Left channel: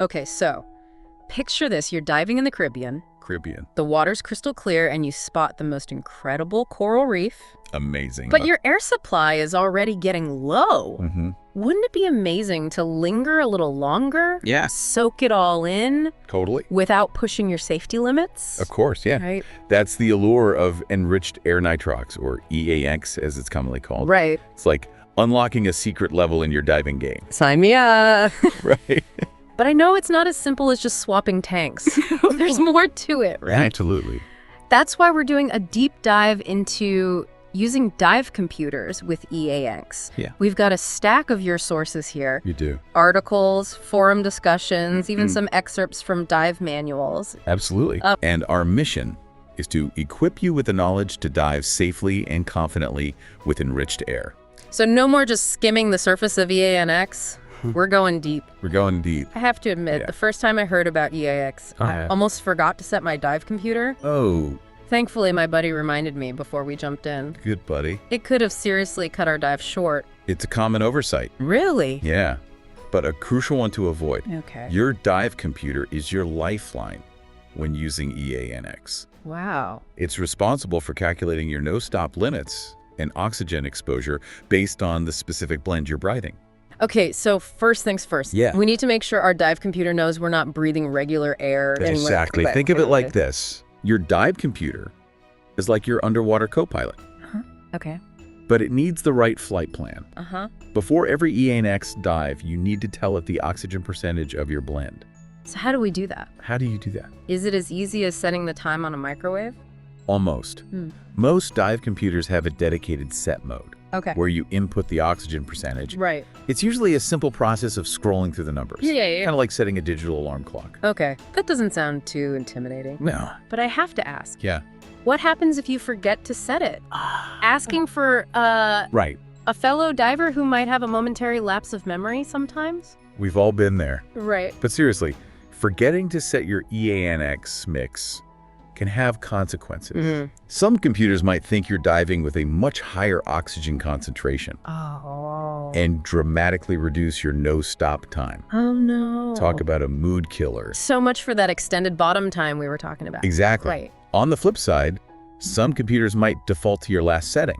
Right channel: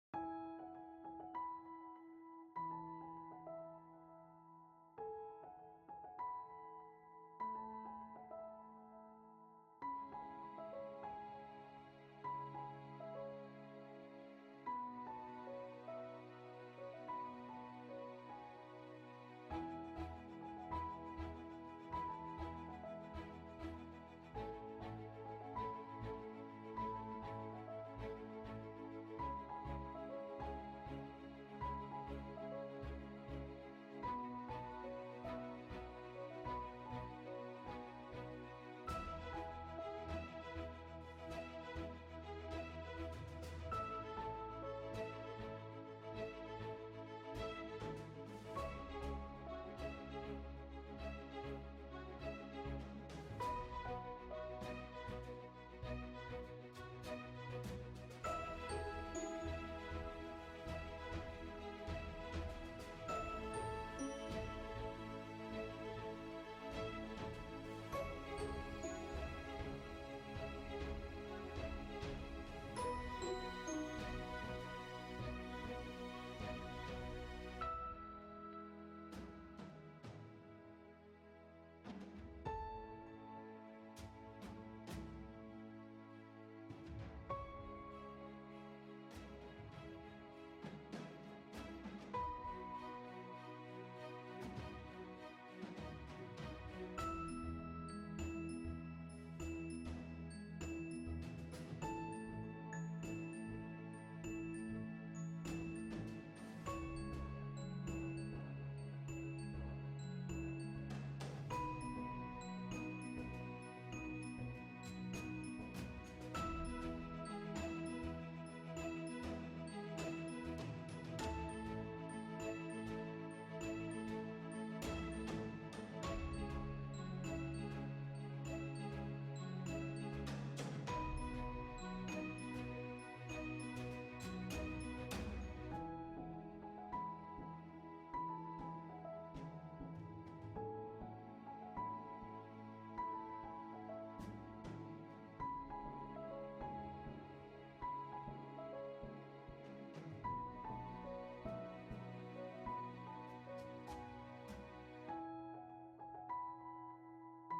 Okay, so picture this. You're diving in the Caribbean. The water's crystal clear and you spot the most incredible coral reef. Amazing. But your air supply is already getting low. Mm-hmm. Wouldn't it be amazing to linger a little longer? Yeah. Soak it all in Totally. without pushing your safety limits? Of course, yeah. Right. That's the allure of enriched air nitrox, or EAX as it's commonly called. Right. It's like unlocking a secret level in your diving game. Sign me up. Right. But I know it's not as simple as just swapping tanks. There's more to it, right? Absolutely. That's why we're doing a deep dive into using dive computers with EAX. Yeah. We've got a stack of your sources here. You do. Articles, forum discussions, even some excerpts from dive manuals. Absolutely. And our mission is to equip you with the knowledge to dive safely and confidently with enriched air. So no more just skimming the surface of EANX. We're going deep. We're going deep. I have to admit, the first time I heard about EAX, I almost forgot to set my dive computer. Oh, Thankfully, my buddy reminded me before we jumped in. good buddy. It could have seriously cut our dive short. It's a common oversight. Really? Yeah, but a crucial one to avoid. Okay. Your dive computer is your lifeline when using EANX. Wow. It's responsible for calculating your no-stop limits and oxygen exposure based on the specific blend you're breathing. Okay, so first things first. Yeah. We need to make sure our dive computer knows we're not breathing regular air. Exactly. Think of it like this. Your dive computer is like your underwater co-pilot, Okay. but it needs the right flight plan. Uh-huh. Before every EANX dive, you need to tell it the oxygen percentage of your blend. So how do we do that? How do you do that? Is it as easy as setting the time on a microwave? Almost. Most dive computers have a dedicated set mode, Okay. where you input the oxygen percentage. Right. It's usually a simple process of scrolling through the numbers. Yeah. Kind of like setting a digital alarm clock. Okay. That doesn't sound too intimidating. No. But I have to ask, Yeah. what happens if you forget to set it? Asking for Right. a fellow diver who might have a momentary lapse of memory sometimes? We've all been there. Right. But seriously, forgetting to set your EANX mix can have consequences. Some computers might think you're diving with a much higher oxygen concentration Oh. and dramatically reduce your no-stop time. Oh, no. Talk about a mood killer. So much for that extended bottom time we were talking about. Exactly. Right. On the flip side, some computers might default to your last setting,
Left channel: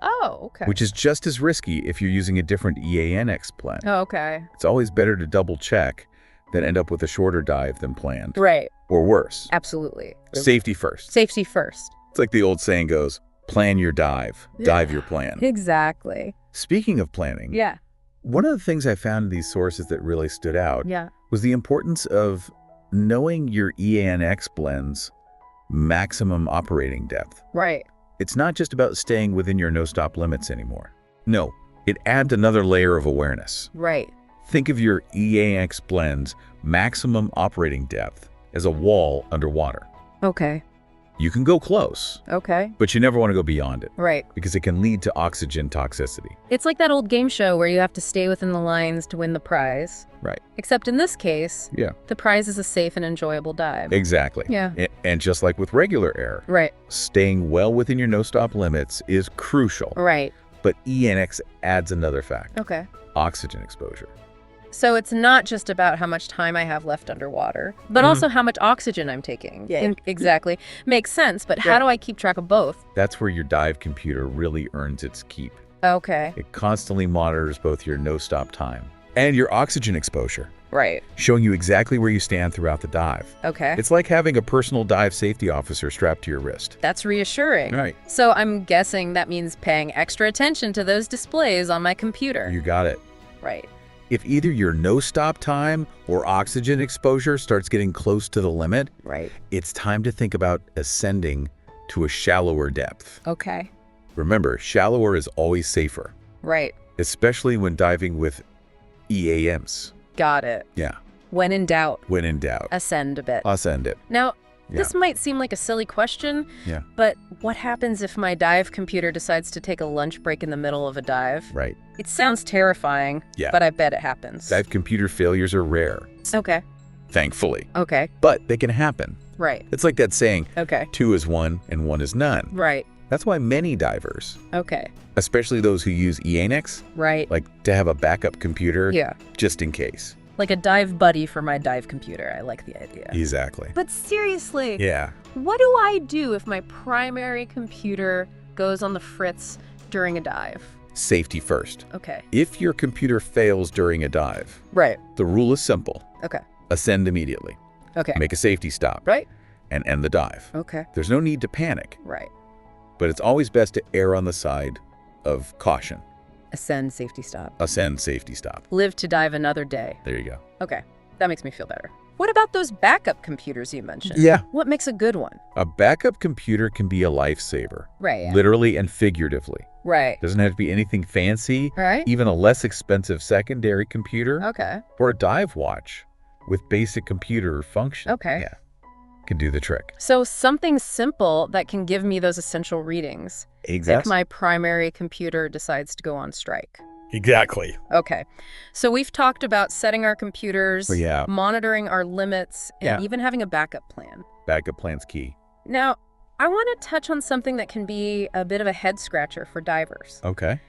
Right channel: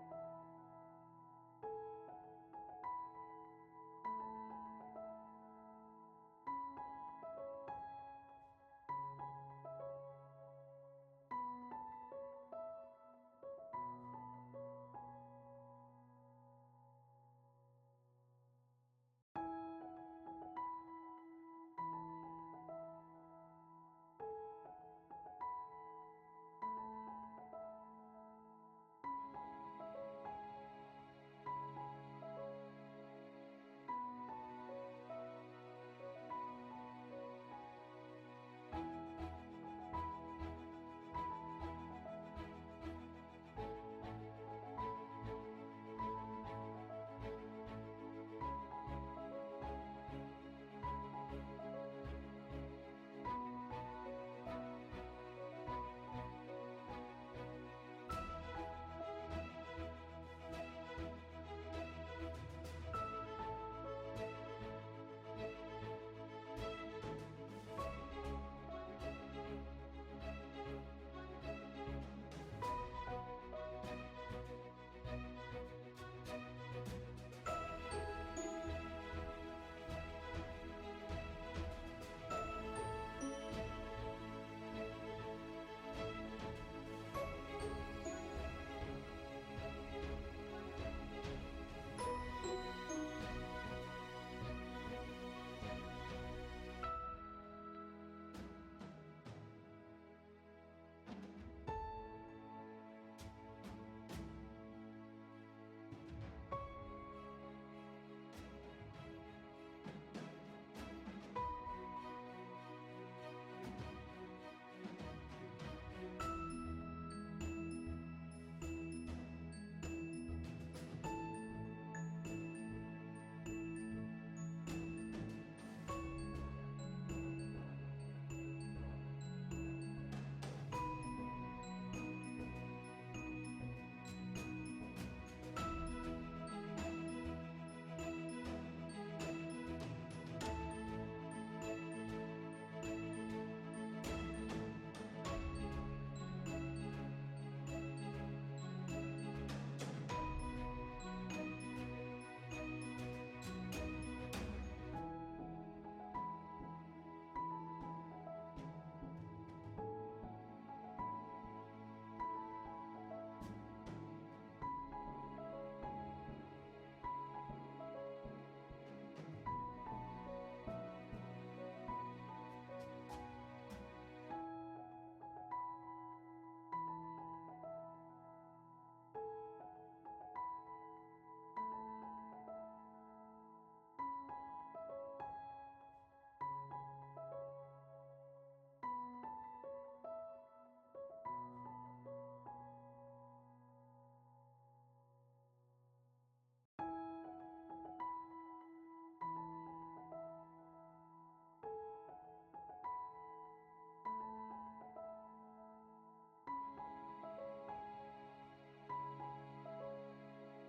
Oh, okay. which is just as risky if you're using a different EANX plan. Oh, okay. It's always better to double check than end up with a shorter dive than planned. Right. Or worse. Absolutely. Safety first. Safety first. It's like the old saying goes, plan your dive, dive your plan. Exactly. Speaking of planning, Yeah. one of the things I found in these sources that really stood out Yeah. was the importance of knowing your EANX blend's maximum operating depth. Right. It's not just about staying within your no-stop limits anymore. No, it adds another layer of awareness. Right. Think of your EANX blend's maximum operating depth as a wall underwater. Okay. You can go close, Okay. but you never want to go beyond it Right. because it can lead to oxygen toxicity. It's like that old game show where you have to stay within the lines to win the prize. Right. Except in this case, Yeah. the prize is a safe and enjoyable dive. Exactly. Yeah. And just like with regular air, Right. staying well within your no-stop limits is crucial. Right. But ENX adds another factor, Okay. oxygen exposure. So it's not just about how much time I have left underwater, but also how much oxygen I'm taking. Yeah. Exactly. Makes sense, but how Yeah. do I keep track of both? That's where your dive computer really earns its keep. Okay. It constantly monitors both your no-stop time and your oxygen exposure, Right. showing you exactly where you stand throughout the dive. Okay. It's like having a personal dive safety officer strapped to your wrist. That's reassuring. Right. So I'm guessing that means paying extra attention to those displays on my computer. You got it. Right. If either your no-stop time or oxygen exposure starts getting close to the limit, Right. it's time to think about ascending to a shallower depth. Okay. Remember, shallower is always safer, Right. especially when diving with EAMs. Got it. Yeah, When in doubt, when in doubt, ascend a bit. ascend it. Now, Yeah. this might seem like a silly question, Yeah. but what happens if my dive computer decides to take a lunch break in the middle of a dive? Right. It sounds terrifying, Yeah. but I bet it happens. Dive computer failures are rare, Okay. thankfully, Okay. but they can happen. Right. It's like that saying, Okay. 2 is 1 and 1 is none. Right. That's why many divers, Okay. especially those who use EANX, Right. like to have a backup computer Yeah. just in case. Like a dive buddy for my dive computer. I like the idea. Exactly. But seriously, Yeah. what do I do if my primary computer goes on the fritz during a dive? Safety first. Okay. If your computer fails during a dive, Right. the rule is simple. Okay. Ascend immediately. Okay. Make a safety stop. Right. And end the dive. Okay. There's no need to panic, Right. but it's always best to err on the side of caution. Ascend, safety stop. Ascend, safety stop. Live to dive another day. There you go. Okay. That makes me feel better. What about those backup computers you mentioned? Yeah. What makes a good one? A backup computer can be a lifesaver, Right. literally and figuratively. Right. Doesn't have to be anything fancy. Right. Even a less expensive secondary computer Okay. or a dive watch with basic computer function. Okay. Yeah. Can do the trick. So something simple that can give me those essential readings if my primary computer decides to go on strike. Exactly. Okay. So we've talked about setting our computers, Yeah. monitoring our limits, and Yeah. even having a backup plan. Backup plan's key. Now, I want to touch on something that can be a bit of a head scratcher for divers. Okay.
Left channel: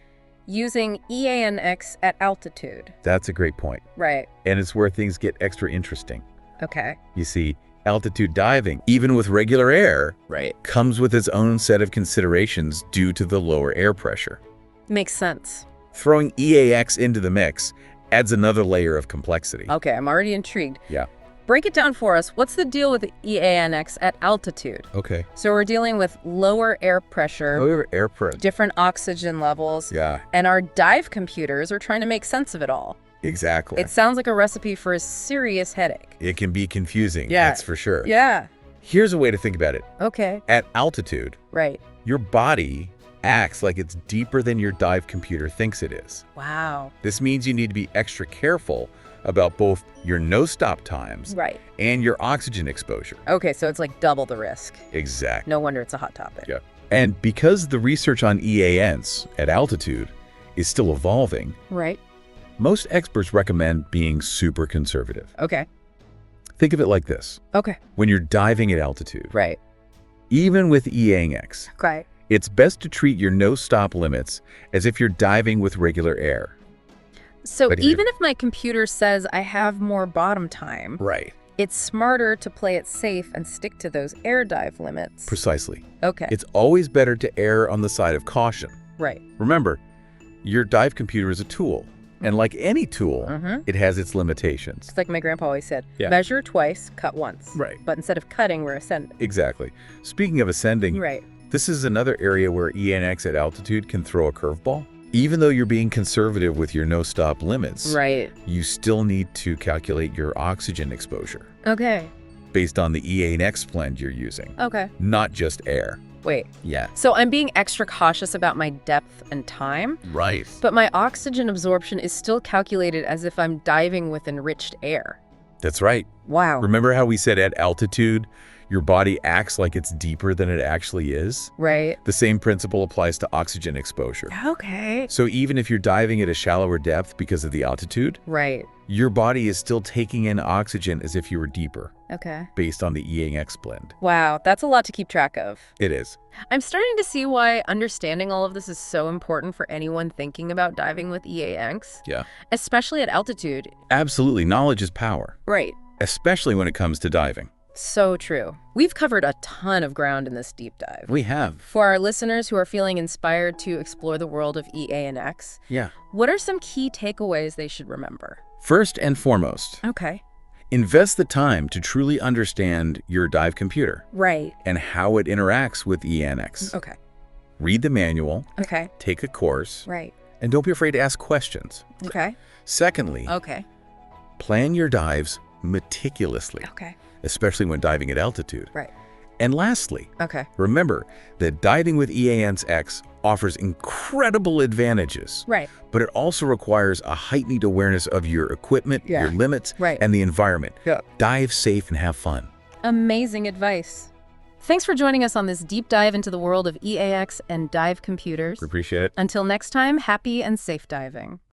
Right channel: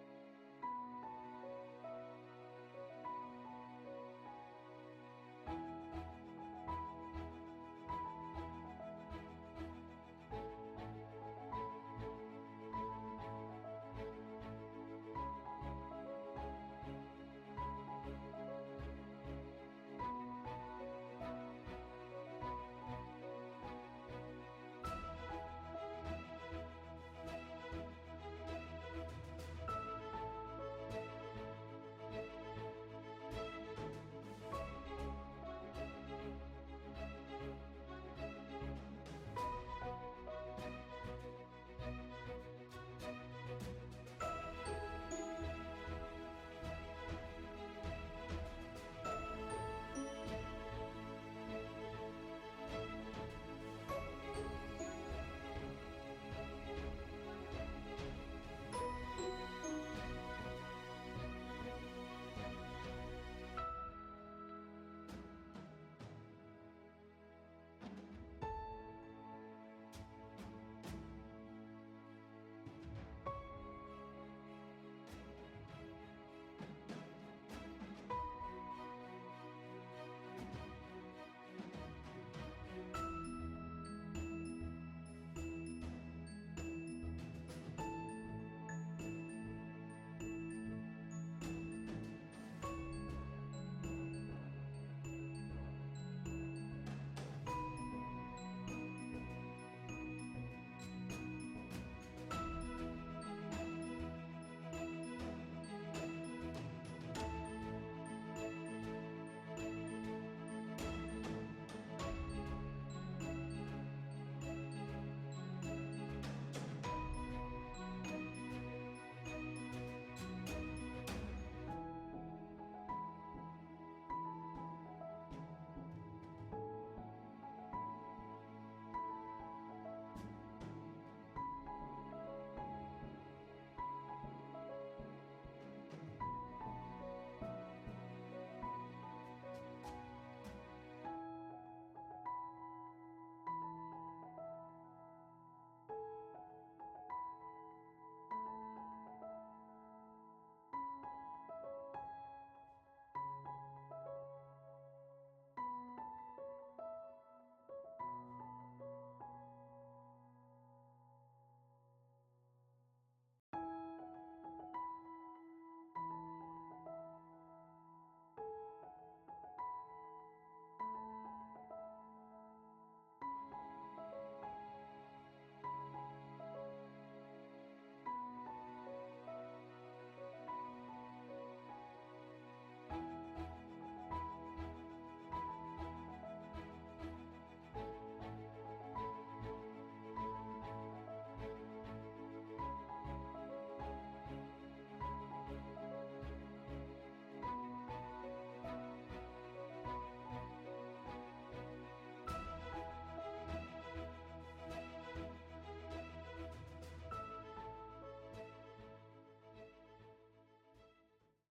Using EANX at altitude. That's a great point. Right. And it's where things get extra interesting. Okay. You see, altitude diving, even with regular air, Right. comes with its own set of considerations due to the lower air pressure. Makes sense. Throwing EAX into the mix adds another layer of complexity. Okay, I'm already intrigued. Yeah. Break it down for us. What's the deal with the EANX at altitude? Okay. So we're dealing with lower air pressure, Lower air pressure. different oxygen levels, Yeah, and our dive computers are trying to make sense of it all. exactly. It sounds like a recipe for a serious headache. It can be confusing, Yeah. that's for sure. Yeah. Here's a way to think about it. Okay. At altitude, Right. your body acts like it's deeper than your dive computer thinks it is. Wow. This means you need to be extra careful about both your no-stop times Right. and your oxygen exposure. Okay, so it's like double the risk. Exactly. No wonder it's a hot topic. Yeah. And because the research on EANs at altitude is still evolving, Right. most experts recommend being super conservative. Okay. Think of it like this. Okay. When you're diving at altitude, Right. even with EANX, Right. it's best to treat your no-stop limits as if you're diving with regular air. So But here- even if my computer says I have more bottom time, Right. it's smarter to play it safe and stick to those air dive limits. Precisely. Okay. It's always better to err on the side of caution. Right. Remember, your dive computer is a tool, and like any tool, Mm-hmm. it has its limitations. It's like my grandpa always said, Yeah. measure twice, cut once. Right. But instead of cutting, we're ascending. Exactly. Speaking of ascending, Right. this is another area where ENX at altitude can throw a curveball. Even though you're being conservative with your no-stop limits, Right. you still need to calculate your oxygen exposure Okay. based on the ENX blend you're using, Okay. not just air. Wait. Yeah. So I'm being extra cautious about my depth and time, Right. but my oxygen absorption is still calculated as if I'm diving with enriched air. That's right. Wow. Remember how we said at altitude, your body acts like it's deeper than it actually is? Right. The same principle applies to oxygen exposure. Okay. So even if you're diving at a shallower depth because of the altitude, Right. your body is still taking in oxygen as if you were deeper, Okay. based on the ENX blend. Wow, that's a lot to keep track of. It is. I'm starting to see why understanding all of this is so important for anyone thinking about diving with EANX, Yeah. especially at altitude. Absolutely. Knowledge is power, Right. especially when it comes to diving. So true. We've covered a ton of ground in this deep dive. We have. For our listeners who are feeling inspired to explore the world of EANX, Yeah. what are some key takeaways they should remember? First and foremost, Okay. invest the time to truly understand your dive computer Right. and how it interacts with ENX. Okay. Read the manual, Okay. take a course, Right. and don't be afraid to ask questions. Okay. Secondly, Okay. plan your dives meticulously, Okay. especially when diving at altitude. Right. And lastly, Okay. remember that diving with EANX offers incredible advantages, Right. but it also requires a heightened awareness of your equipment, Yeah. your limits, Right. and the environment. Yeah. Dive safe and have fun. Amazing advice. Thanks for joining us on this deep dive into the world of EAX and dive computers. Appreciate it. Until next time, happy and safe diving.